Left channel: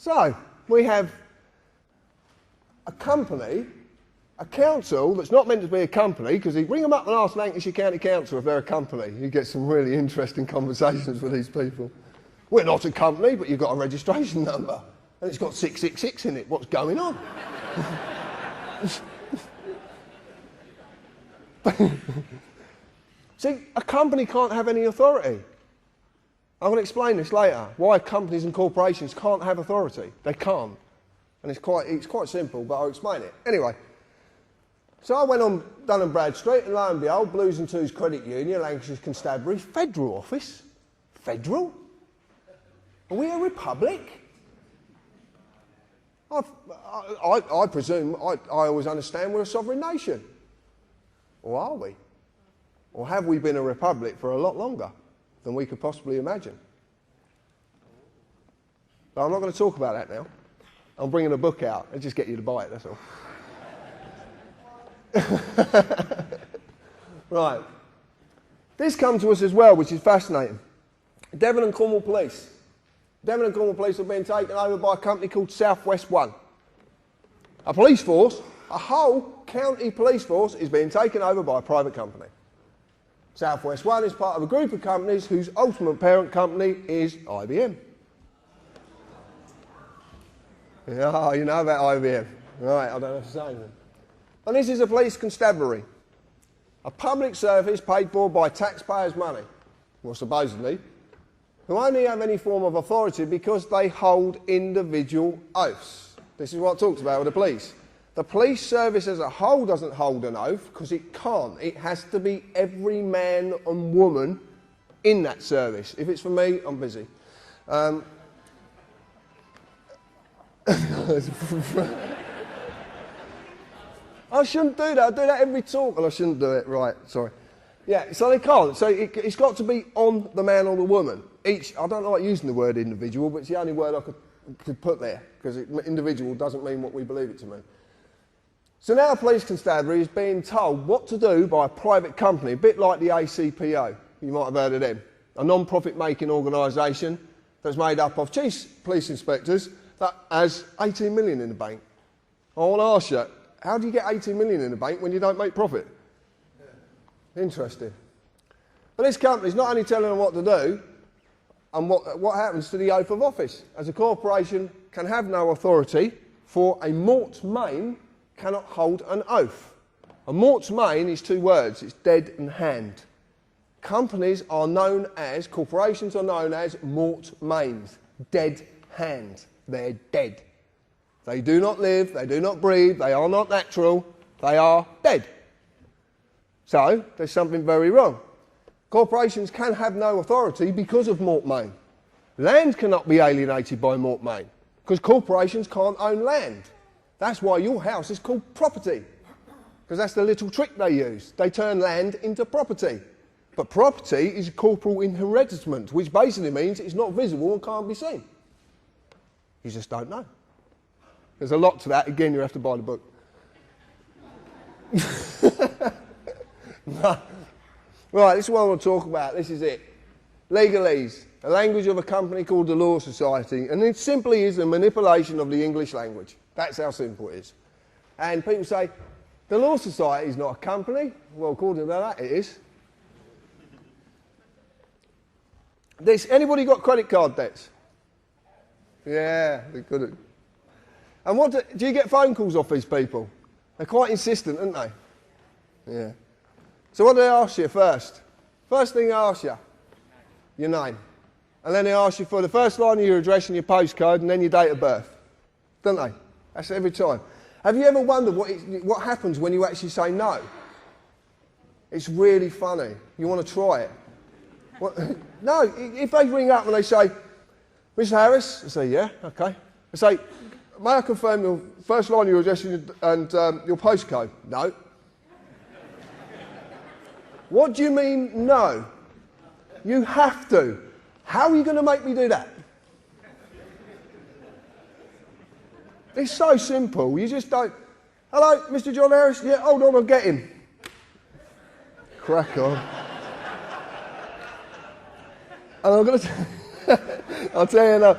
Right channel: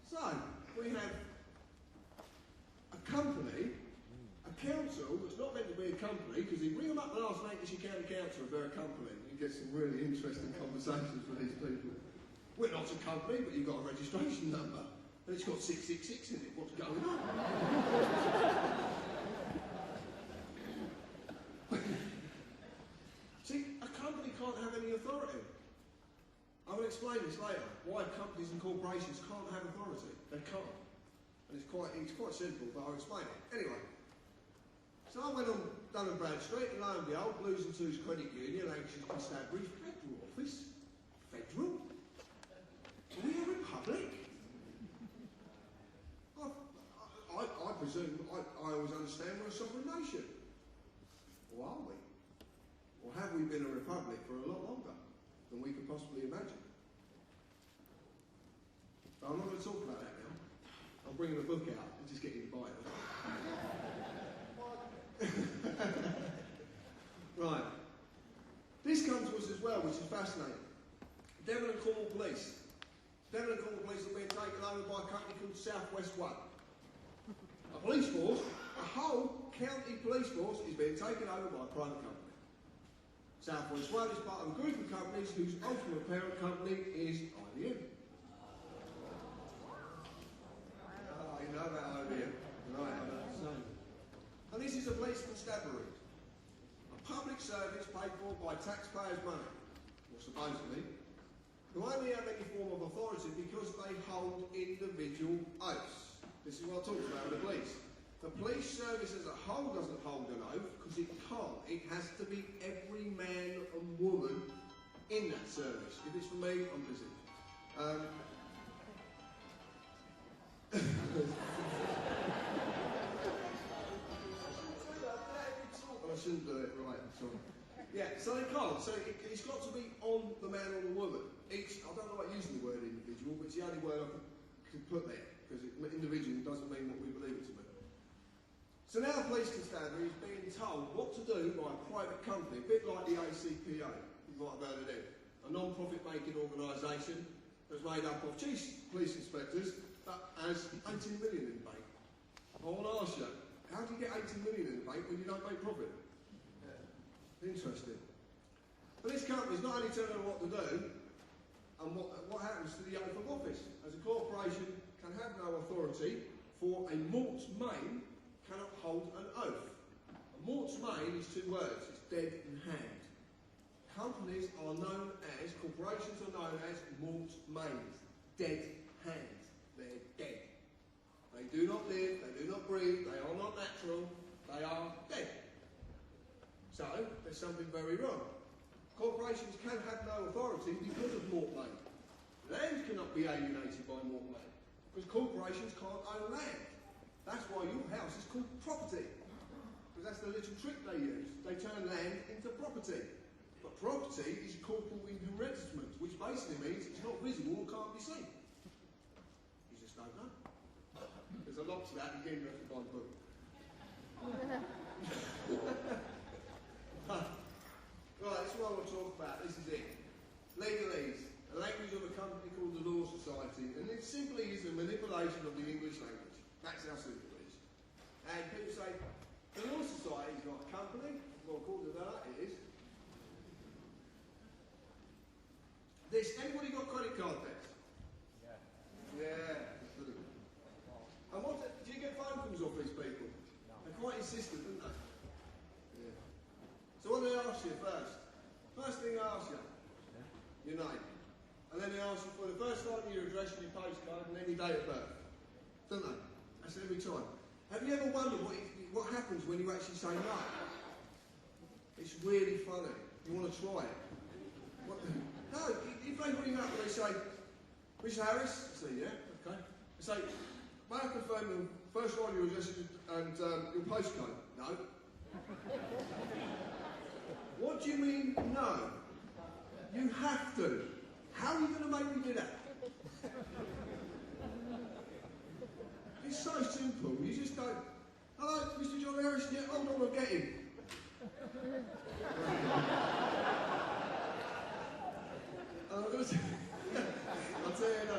So, we have a company, a council that's not meant to be a company, because you ring them up and ask Lancashire County Council if they're a company. You get some really interesting conversations with these people. We're not a company, but you've got a registration number. And it's got 666 in it. What's going on? See, a company can't have any authority. I'm going to explain this later, why companies and corporations can't have authority. They can't. And it's quite simple, but I'll explain it. Anyway, so I went on Dun & Bradstreet, and lo and behold, Blues and Twos Credit Union, Lancashire's Constabulary, Federal Office. Federal? Are we a republic? I presume, I always understand we're a sovereign nation. Or are we? Or have we been a republic for a lot longer than we could possibly imagine? But I'm not going to talk about that now. I'm bringing a book out and just get you to buy it, that's all. Right. This comes to us as well, which is fascinating. Devon and Cornwall Police. Devon and Cornwall Police have been taken over by a company called South West One. A police force, a whole county police force, is being taken over by a private company. South West One is part of a group of companies whose ultimate parent company is IBM. Oh, you know about IBM. Right, I don't have to say anything. And this is a police constabulary. A public service paid for by taxpayers' money, well, supposedly, who only have any form of authority because they hold individual oaths. This is what I talked about with the police. The police service as a whole doesn't hold an oath because it can't. It has to be every man and woman in that service. If it's for me, I'm busy. I shouldn't do that. I do that every talk and I shouldn't do it. Right, sorry. Yeah, so they can't. So it's got to be on the man or the woman. I don't like using the word individual, but it's the only word I could put there, because individual doesn't mean what we believe it to mean. So now Police Constabulary is being told what to do by a private company, a bit like the ACPO. You might have heard of them. A non-profit making organisation that's made up of chief police inspectors that has 18 million in the bank. I want to ask you, how do you get 18 million in the bank when you don't make profit? Interesting. But this company's not only telling them what to do, and what happens to the oath of office. As a corporation can have no authority, for a morte main cannot hold an oath. A morte main is two words, it's dead and hand. Companies are known as, corporations are known as morte mains, dead hand. They're dead. They do not live, they do not breathe, they are not natural, they are dead. So, there's something very wrong. Corporations can have no authority because of morte main. Land cannot be alienated by morte main, because corporations can't own land. That's why your house is called property, because that's the little trick they use. They turn land into property. But property is corporal inheritance, which basically means it's not visible and can't be seen. You just don't know. There's a lot to that. Again, you have to buy the book. No. Right, this is what I want to talk about. This is it. Legalese, a language of a company called the Law Society, and it simply is a manipulation of the English language. That's how simple it is. And people say, the Law Society is not a company. Well, according to that, it is. Anybody got credit card debts? Yeah, they're good. And do you get phone calls off these people? They're quite insistent, aren't they? Yeah. So what do they ask you first? First thing they ask you, your name. And then they ask you for the first line of your address and your postcode and then your date of birth. Don't they? That's every time. Have you ever wondered what happens when you actually say no? It's really funny. You want to try it. No, if they ring up and they say, Mr. Harris, I say, yeah, okay. I say, may I confirm your first line of your address and your postcode? No. What do you mean, no? You have to. How are you going to make me do that? It's so simple. You just don't. Hello, Mr. John Harris? Yeah, hold on, I'll get him. Crack on. And I'm going to... I'll tell you now.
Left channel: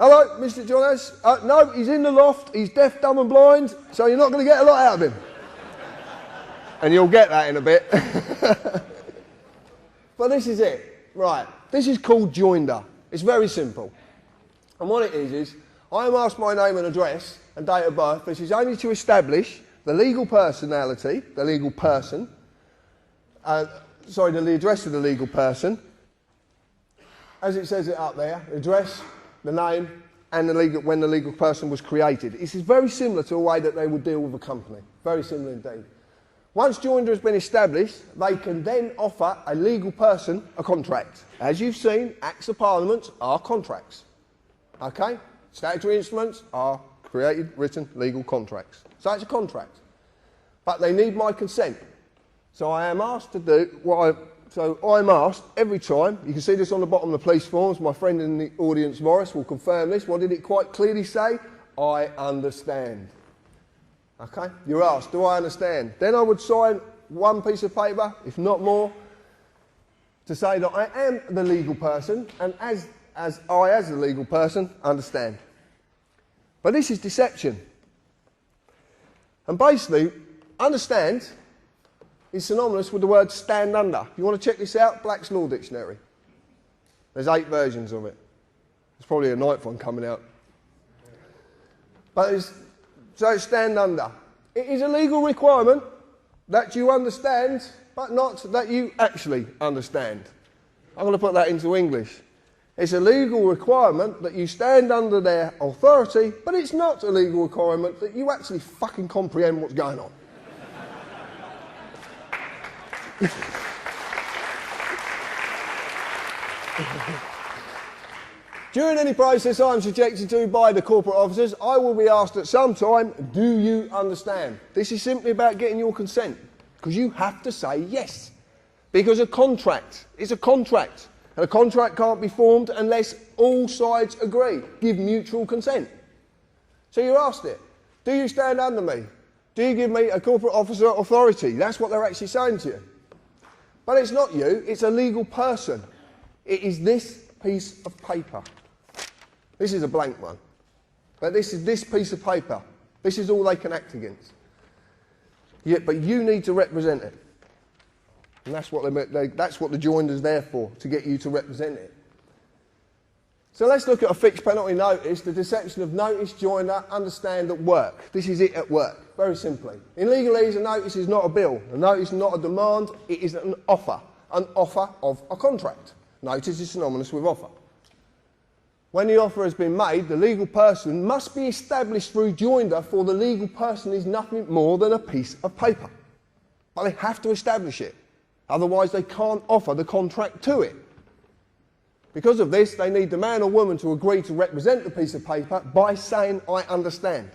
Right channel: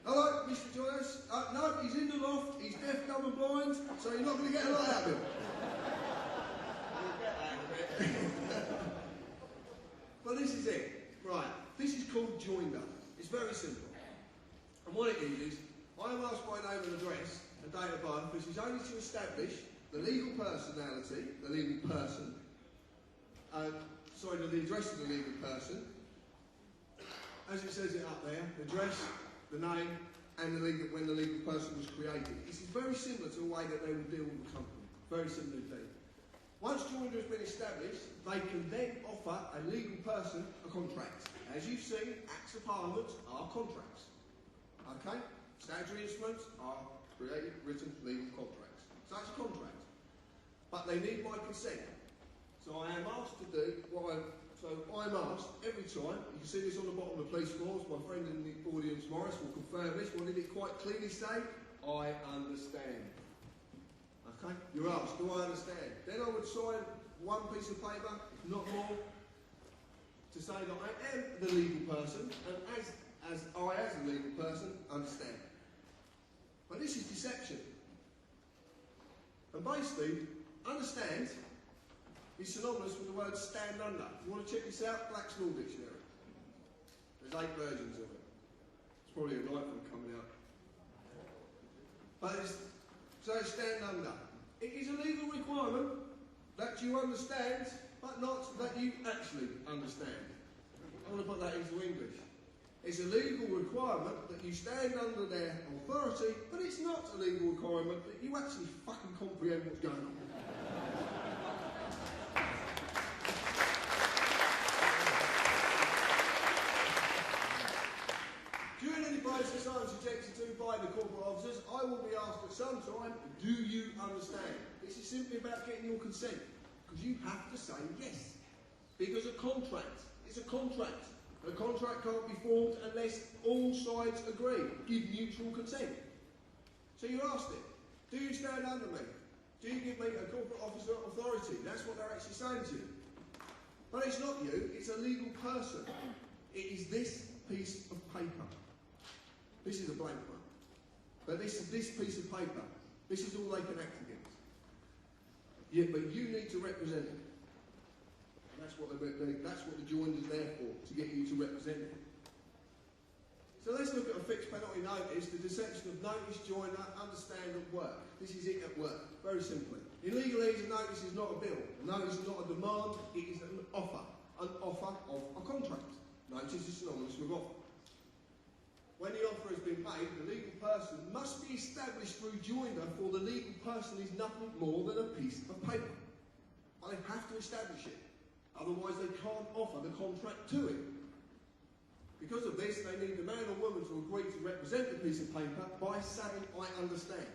Hello, Mr. Jonas. No, he's in the loft. He's deaf, dumb and blind, so you're not going to get a lot out of him. And you'll get that in a bit. But this is it. Right. This is called joinder. It's very simple. And what it is I am asked my name and address and date of birth, which is only to establish the legal personality, the legal person, the address of the legal person, as it says it up there, the address, the name, and when the legal person was created. This is very similar to a way that they would deal with a company. Very similar indeed. Once joinder has been established, they can then offer a legal person a contract. As you've seen, Acts of Parliament are contracts. Okay? Statutory instruments are created, written, legal contracts. So it's a contract. But they need my consent. So I am asked to do I'm asked every time, you can see this on the bottom of the police forms, my friend in the audience, Morris, will confirm this. What did it quite clearly say? I understand. Okay? You're asked, do I understand? Then I would sign one piece of paper, if not more, to say that I am the legal person, and as the legal person, understand. But this is deception. And basically, understand is synonymous with the word stand under. You want to check this out? Black's Law Dictionary. There's 8 versions of it. There's probably a 9th one coming out. But it's stand under. It is a legal requirement that you understand, but not that you actually understand. I'm going to put that into English. It's a legal requirement that you stand under their authority, but it's not a legal requirement that you actually fucking comprehend what's going on. During any process I am subjected to by the corporate officers, I will be asked at some time, do you understand? This is simply about getting your consent, because you have to say yes. Because a contract is a contract, and a contract can't be formed unless all sides agree, give mutual consent. So you're asked it. Do you stand under me? Do you give me a corporate officer authority? That's what they're actually saying to you. But it's not you, it's a legal person. It is this piece of paper. This is a blank one. But this is this piece of paper. This is all they can act against. Yeah, but you need to represent it. And that's what the joinder's there for, to get you to represent it. So let's look at a fixed penalty notice, the deception of notice, joinder, understand at work. This is it at work, very simply. In legalese, a notice is not a bill. A notice is not a demand, it is an offer of a contract. Notice is synonymous with offer. When the offer has been made, the legal person must be established through joinder, for the legal person is nothing more than a piece of paper. But they have to establish it. Otherwise, they can't offer the contract to it. Because of this, they need the man or woman to agree to represent the piece of paper by saying, I understand.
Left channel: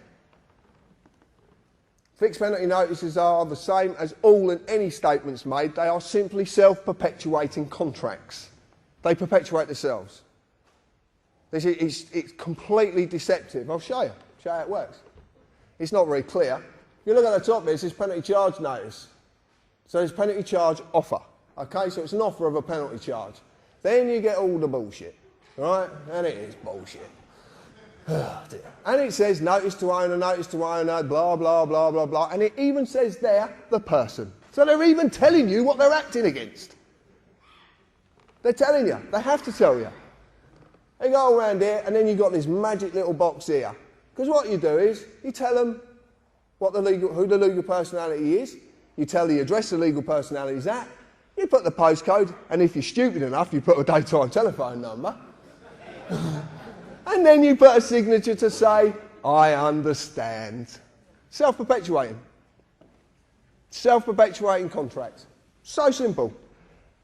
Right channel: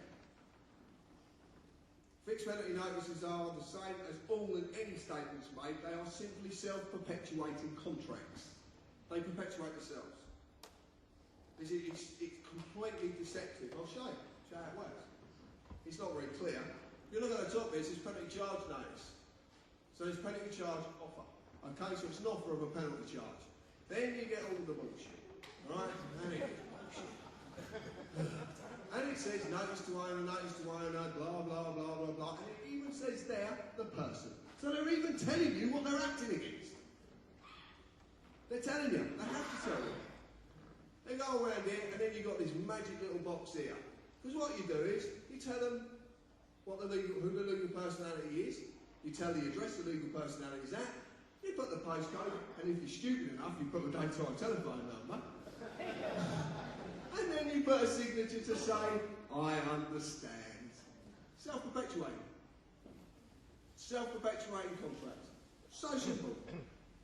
Fixed penalty notices are the same as all and any statements made. They are simply self-perpetuating contracts. They perpetuate themselves. It's completely deceptive. I'll show you how it works. It's not very clear. If you look at the top, it says penalty charge notice. So it's penalty charge offer. Okay, so it's an offer of a penalty charge. Then you get all the bullshit, right? And it is bullshit. And it says notice to owner, blah, blah, blah, blah, blah. And it even says there, the person. So they're even telling you what they're acting against. They're telling you. They have to tell you. They go around here, and then you've got this magic little box here. Because what you do is, you tell them who the legal personality is. You tell the address the legal personality is at. You put the postcode, and if you're stupid enough, you put a daytime telephone number. And then you put a signature to say, I understand. Self-perpetuating. Self-perpetuating contract. So simple.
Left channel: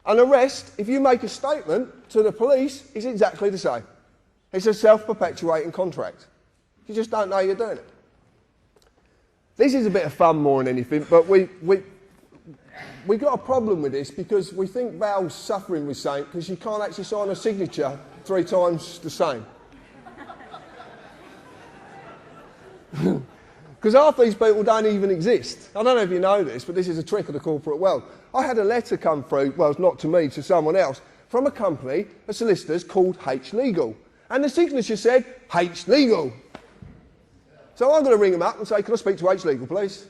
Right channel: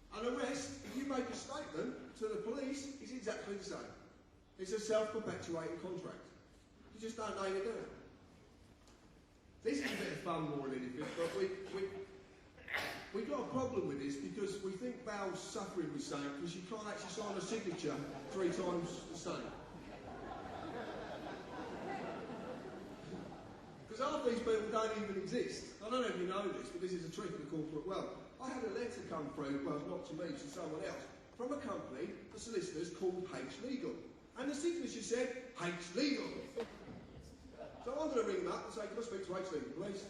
An arrest, if you make a statement to the police, is exactly the same. It's a self-perpetuating contract. You just don't know you're doing it. This is a bit of fun more than anything, but we got a problem with this because we think Val's suffering with something because you can't actually sign a signature 3 times the same. Because half these people don't even exist. I don't know if you know this, but this is a trick of the corporate world. I had a letter come through, well, not to me, to someone else, from a company, a solicitor's called H Legal. And the signature said, H Legal. So I'm going to ring them up and say, can I speak to H Legal, please?